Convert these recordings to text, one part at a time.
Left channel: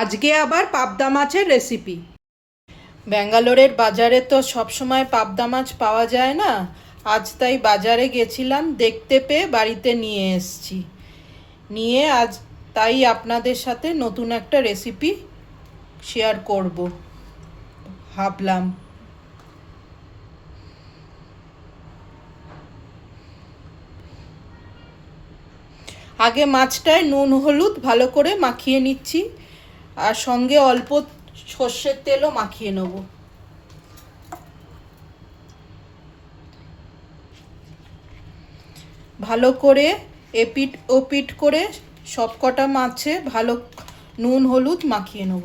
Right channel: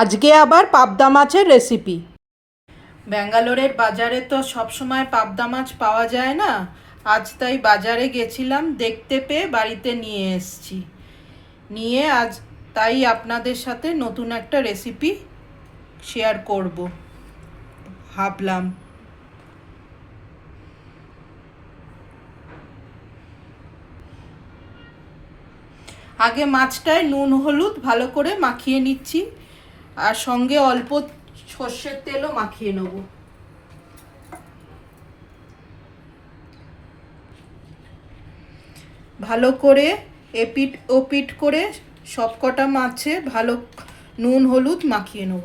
আজকে আবার পাবদা মাছের রেসিপি। ব্যাঙ্গালোরের বাজারে তো সব সময় পাবদা মাছ পাওয়া যায় না। আজ তাই বাজারে গেছিলাম, দেখতে পেয়ে বাড়িতে নিয়ে এসেছি। নিয়ে আজ তাই আপনাদের সাথে নতুন একটা রেসিপি শেয়ার করব ভাবলাম। আগে মাছটায় নুন হলুদ ভালো করে মাখিয়ে নিচ্ছি, আর সঙ্গে অল্প সর্ষের তেলও মাখিয়ে নেব। ভালো করে এপিট ওপিট করে সবকটা মাছে ভালো নুন হলুদ মাখিয়ে নেব।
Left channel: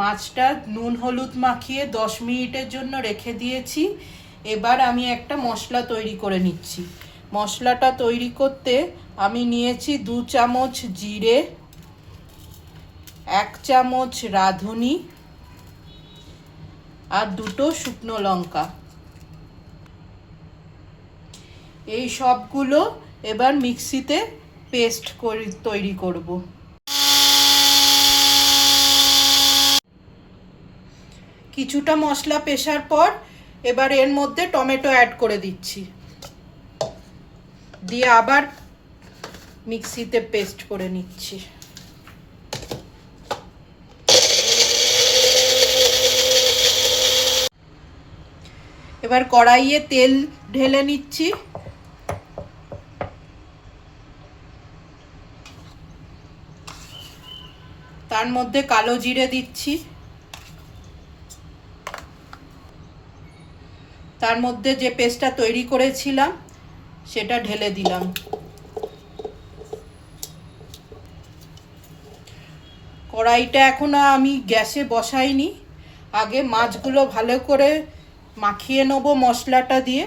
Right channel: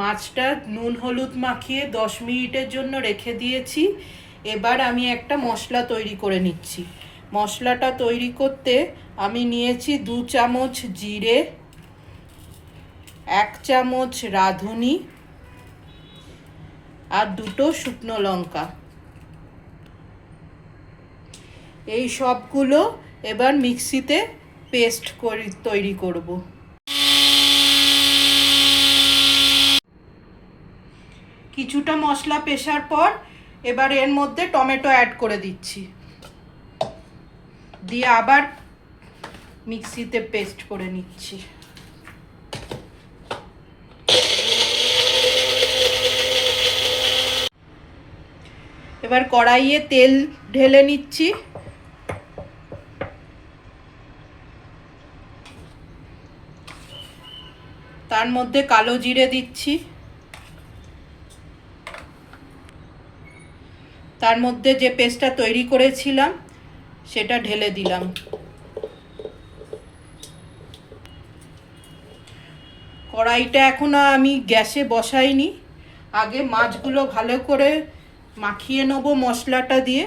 মাছটা নুন হলুদ মাখিয়ে 10 মিনিটের জন্য রেখে দিয়েছি। এবার আমি একটা মশলা তৈরি করে নিচ্ছি। মশলাটা তৈরি করতে আমি নিয়েছি 2 চামচ জিরে, 1 চামচ রাঁধুনি আর 2টো শুকনো লঙ্কা। এই সবগুলো এবার মিক্সিতে পেস্ট তৈরি করব। কিছুটা মশলা পেশার পর এবার এর মধ্যে টমেটো অ্যাড করে দিচ্ছি, দিয়ে আবার মিক্সিতে পেস্ট করে নিচ্ছি। এবার কড়াইয়ে তেল ঢেলে নিচ্ছি। তার মধ্যে কালো জিরে দিচ্ছি, তার মধ্যে যে পেস্টটা তৈরি করেছিলাম সেটা ঢেলে দিলাম। কড়াইটা এখনো আমি গ্যাসে বসাইনি, আগে মাছগুলো ভালো করে মাখিয়ে নেব মশলাটা দিয়ে।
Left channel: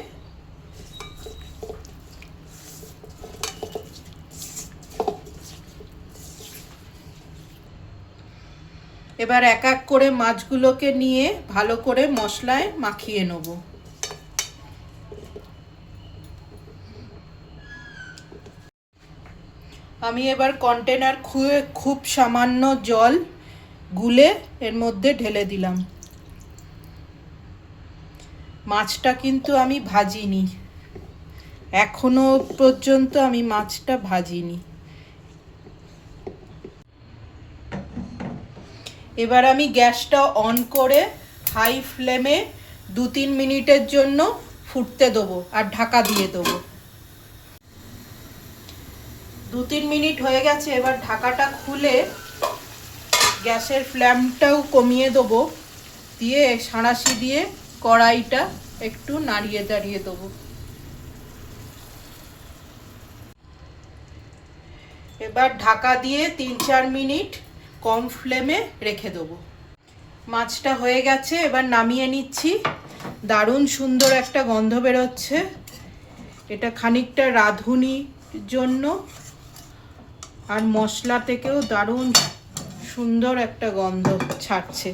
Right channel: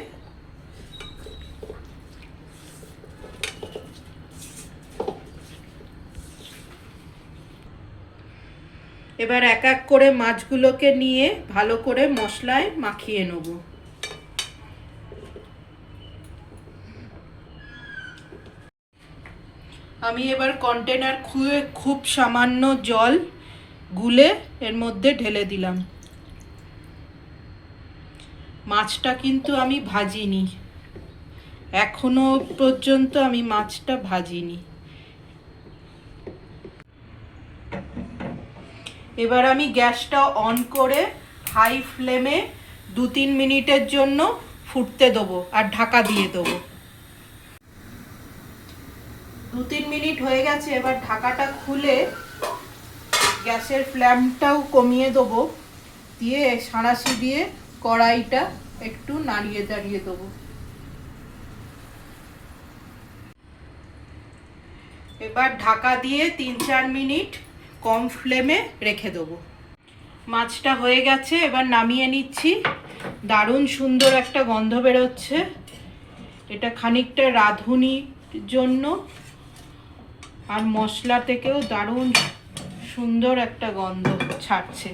এবার এক এক করে মাছগুলোকে নিয়ে ভালো করে মশলায় মাখিয়ে নেব। আমি এবার কন্টেনার খুলে খুব সামান্য জল গুলে এর মধ্যে ঢেলে দিলাম। মাছটা কিন্তু আমি ভাজিনি, এখনো পর্যন্ত আমি মাছটা ভাজিনি। এবার আমি গ্যাসটা অন করে হাই ফ্লেমে 2-3 মিনিটের জন্য ফুটতে দেবো আর ঢাকা দিয়ে দেবো। 2-3 মিনিট হয়ে গেছে। এবার ঢাকাটা খুলে গ্যাসের ফ্লেমটাও কমিয়ে দেবো, দিয়ে সাঁড়াশি দিয়ে কড়াইটা একটু নাড়িয়ে দাঁড়িয়ে দেবো। এবার ঢাকা দিয়ে 3-4 মিনিট কম ফ্লেমে রেখে দেবো। মাছটা হয়ে গেছে, এবার নামিয়ে নিচ্ছি। দারুণ সুন্দর একটা গন্ধ বেরোচ্ছে। এটা খানিকটা রাঁধুনির জন্য, আর মশলা থেকেও দারুণ সুন্দর একটা গন্ধ ছাড়ছে।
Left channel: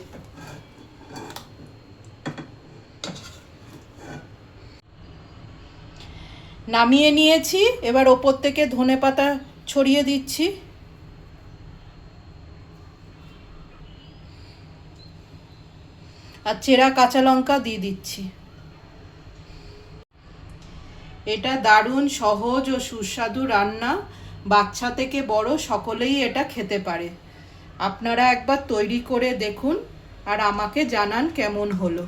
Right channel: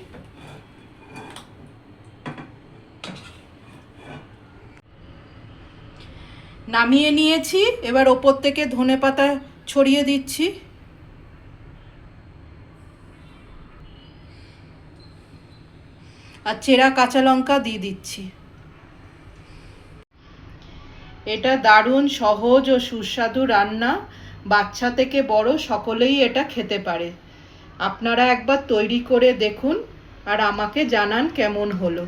নামিয়ে নিয়েছি, এবার ওপর থেকে ধনেপাতা ছড়িয়ে দিচ্ছি। আর চেরা কাঁচা লঙ্কা দিয়ে দিচ্ছি। এটা দারুণ সহজ ও সুস্বাদু রান্না, বাচ্চা থেকে বড় সকলেই এটা খেতে পারে। আপনারা একবার তৈরি করে দেখুন আর আমাকে জানান কেমন হলো।